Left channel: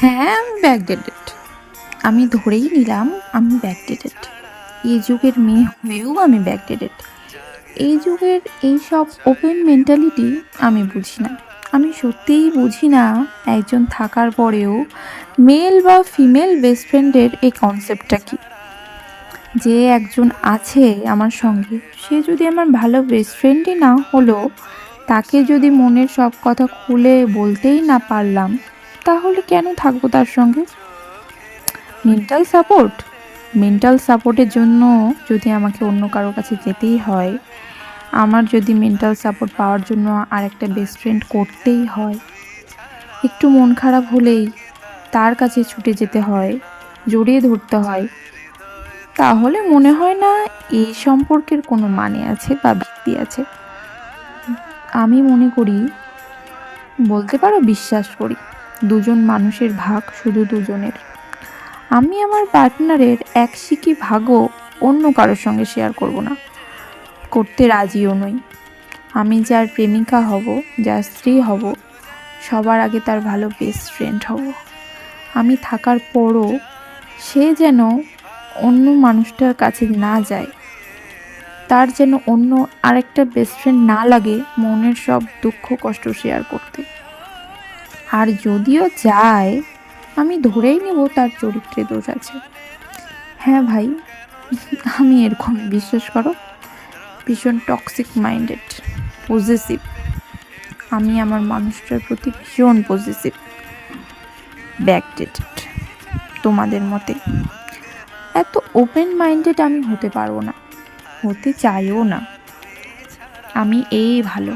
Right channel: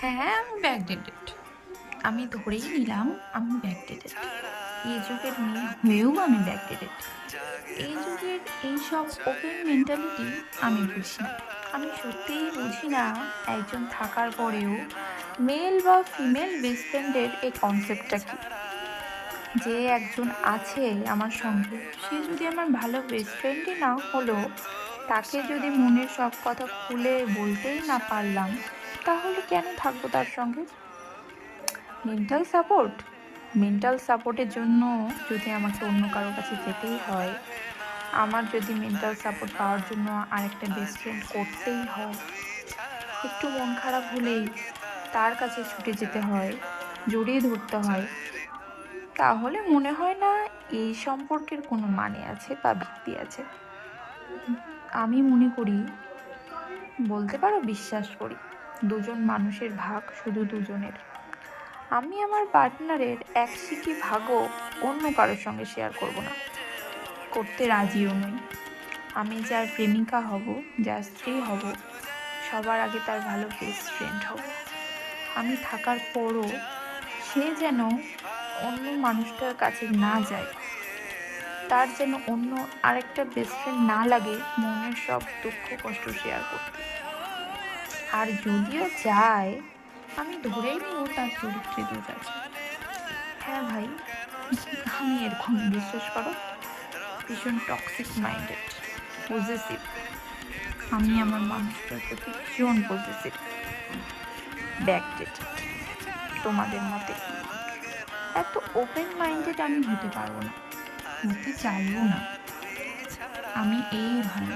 হ্যাঁ, আমি ব্যাকডেটেড। আমি ধরেই নিলাম আমি ব্যাকডেটেড। এই যুগের মেয়ে হয়েও আমি ব্যাকডেটেড। এই যুগের এইসব ওপেন মেন্টালিটি আমি বুঝি না। আমি সত্যিই বুঝি না একজন থাকার পরেও মেল বা ফিমেল বেস্ট ফ্রেন্ডের এই কনসেপ্টটা কী? যে একজন আছে আমার সঙ্গে, সে যদি আমার ভালো বেস্ট ফ্রেন্ডই না হলো, তাকে যদি মনের সব কথা খুলে বলতেই না পারলাম, তাহলে কেন থাকবো তার সঙ্গে? মেন্টাল সাপোর্ট, মেন্টাল সাপোর্টের জন্য যদি আমাকে অন্য কারো কাছে যেতেই হয়, আমার যদি মেন্টাল সাপোর্ট পাওয়ার জন্য আরেকটা বেস্ট ফ্রেন্ড করতেই হয়, একটু মন খারাপ হলেই তার কাছে ছুটে যেতে হয়, জড়িয়ে ধরতে হয়, তাহলে মনে হয় না এই সম্পর্কের কোনো মানে আছে বা ভিত্তি আছে। আমি মনে করি, বলতে পারো বিশ্বাস করি, দুজন মানুষের ভাগ শুধু দুজনের। আমি আমার পার্টনারের এক সিকি ভাগও অন্য কারোর সঙ্গে শেয়ার করব না, করতে রাজিও নই। আমি যার প্রেমিকা হব, যার স্ত্রী হব, সবার আগে তার ভালো বেস্ট ফ্রেন্ড হব। আমি থাকার পরও সে যেন অন্য মানুষটার কাছে না যায়, তার যেন অন্য আরেকটা বেস্ট ফ্রেন্ড না লাগে মনের সব দুঃখ কষ্ট শেয়ার করতে। আর যদিও যায়, আমি ধরেই নেব তার চরিত্রে দোষ আছে। হ্যাঁ ভাই, আমি এরকম, বিশ্বাস করো, ভীষণ টক্সিক মাইন্ডেড, পজেসিভ। আমি আমার মানুষটার প্রতি ভীষণ পজেসিভ, ব্যাকডেটেড, তোমাদের মতে। এত ওপেন মাইন্ডেড আমি হতে পারবো না, হতে চাইও না। আমি এই ভালো।